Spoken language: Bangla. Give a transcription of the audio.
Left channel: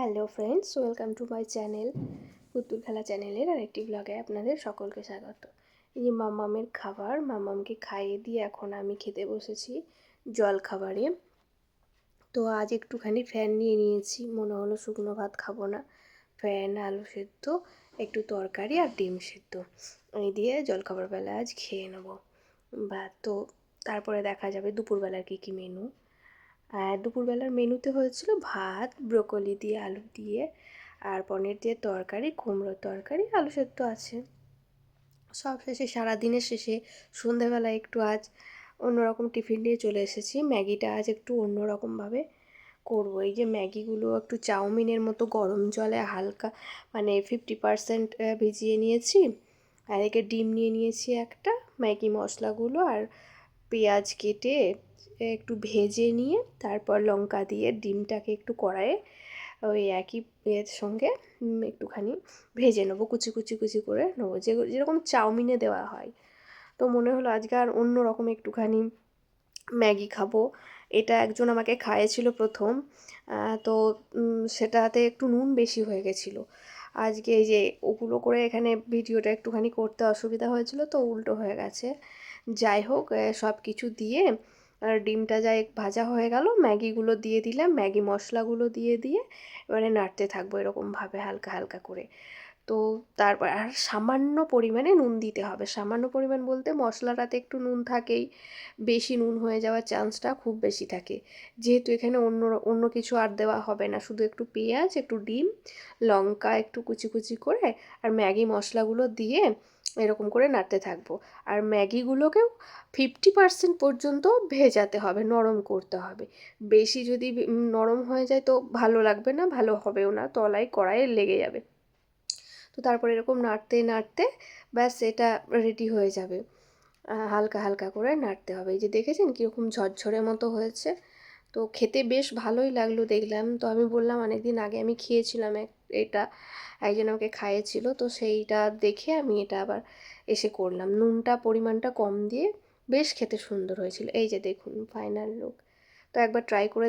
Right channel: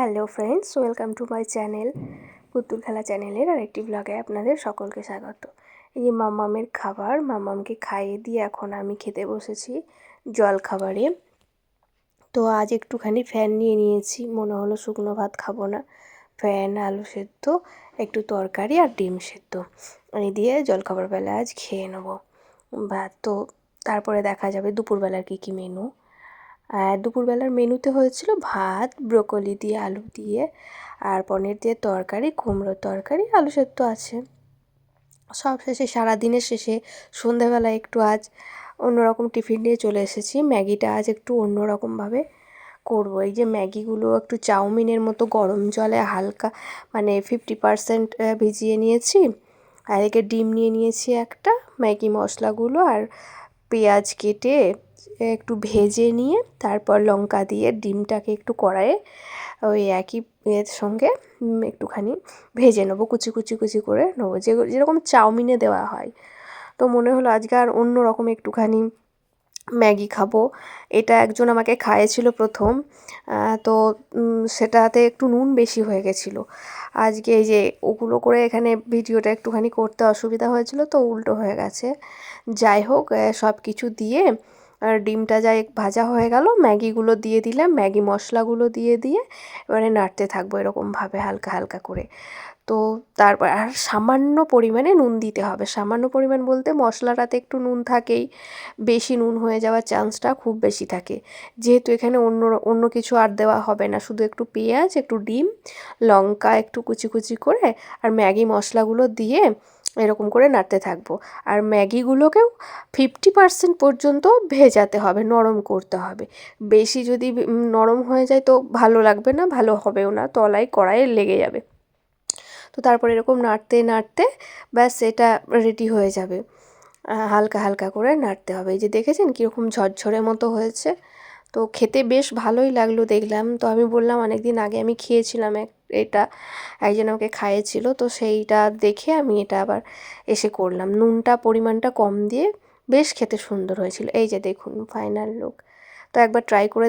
Hello friends, welcome to my channel পুতুল খেলা চ্যানেলের আরেকটি ব্লগে আপনাদের সকলকে স্বাগত। এই যে মাম্মামের খাবার, মাম্মামকে খাইয়ে দিয়ে এখন আমি খেতে বসেছি জল খাবারে। তো আজ একটুখানি ফ্যান নিয়ে নিয়েছি, মনে হলো শুকনো ভাত খাবো না, ফ্যান, আলু সেদ্ধ, একটু তরকারি আর ডিম সেদ্ধ এই দিয়ে জলখাবার বেলা আজ খেয়ে নেবো ভাত। তো তারপরে দেখা যাবে দুপুরবেলার কী মেনু। আর দুপুরবেলার মেনুতে হয়েছিল ভাত, ব্রোকলি দিয়ে, আলু দিয়ে আর পনির দিয়ে তরকারি, কুমড়োর তরকারি, আলু সেদ্ধ আছে। সব শেষে, সারাদিনের শেষে সন্ধেবেলায় একটু আজ অন্যরকম টিফিন নিয়ে চলে এসেছি। ম্যাগিটা আজ একটু অন্যরকমভাবে করবো। এই যে ম্যাগিগুলো একটু চাউমিনের মতো গরম জলে হালকা 50% ভিজিয়ে নিয়েছি। আর এদিকে ডিম নিয়ে নিয়েছি একটা, ম্যাগি মশলাগুলো আর পেঁয়াজ কেটে একটু ভেজে নিয়ে তারপর লঙ্কা দিয়ে ডিমটাকে একটু কড়াইয়ে ওই একই এর সঙ্গে একটুখানি ভেজে নেবো, কুচি কুচি কুচি করে নেবো, যেরকম চাউমিনে দেওয়া হয়। তো মনে হলো আজকে আর অন্য রকম একটুখানি ম্যাগি খাবো। এটা একজন আমাকে খাইয়েছিল প্রথম, তো সেটাতে একটু নুন বেশি হয়ে গেছিলো। আজকে এই যে ওগুলো করে এখানে ভিডিওটা একটুখানি করতে অসুবিধা হয়েছিল, তো উল্টো হয়ে গেছে। যাই হোক, সব কিছু দিয়ে আর ডিমটা যাই ভাজা হয়ে গেল, ম্যাগিগুলো দিয়ে দিলাম, ম্যাগি মশলাগুলো দিয়ে এবারে নাড়তে থাকবো এরকমভাবে হালকা হালকা করে। তো তারপর আর সামান্য পরিমাণে নুন দিতে হবে। সামান্য পরিমাণ বলতে মশলাটাতে একটু নুন থাকেই, বেশি নুন হয়ে যাওয়ার চান্সটা খুব বেশি থাকে। যেহেতু এখানে অন্য কিছু আর দেওয়া হবে না, শুধু একটু পেঁয়াজ, একটু ডিম, লঙ্কা একটু কুচি কুচি করে আর ম্যাগি মশলাগুলো দিয়ে এরকম করে নাড়তে থাকবো। আর ম্যাগিগুলোকেও 50% পর্যন্ত ভেজাতে হবে, নরম করতে হবে। বেশি যদি নরম হয়ে যায় তো ভালো লাগবে না, ভালো হবেও না, তলায় কড়াইয়ে লেগে যাবে। তো তারপর এরকম নাড়তে নাড়তে ব্যাস এটা রেডি হয়ে যাবে। হালকা হালকা করে নাড়তে হবে। এই যে দেখেছেন কীরকম ঝরঝরে মতো হয়েছে। তো খেতে বেশ ভালোই লাগলো দেখলাম। তো আমি বললাম অনেক দিন আগে আমি খেয়েছিলাম এটা, একজন আমাকে খাইয়েছিল, তো সেইটা দেখে আমি এটা আবার এসে করলাম। নুনটা পরিমাণটা কম দিয়ে বেশ খেতে সুন্দর হয়েছিল। এই যে দেখুন ফাইনাল লুক। তো একবার ট্রাই করে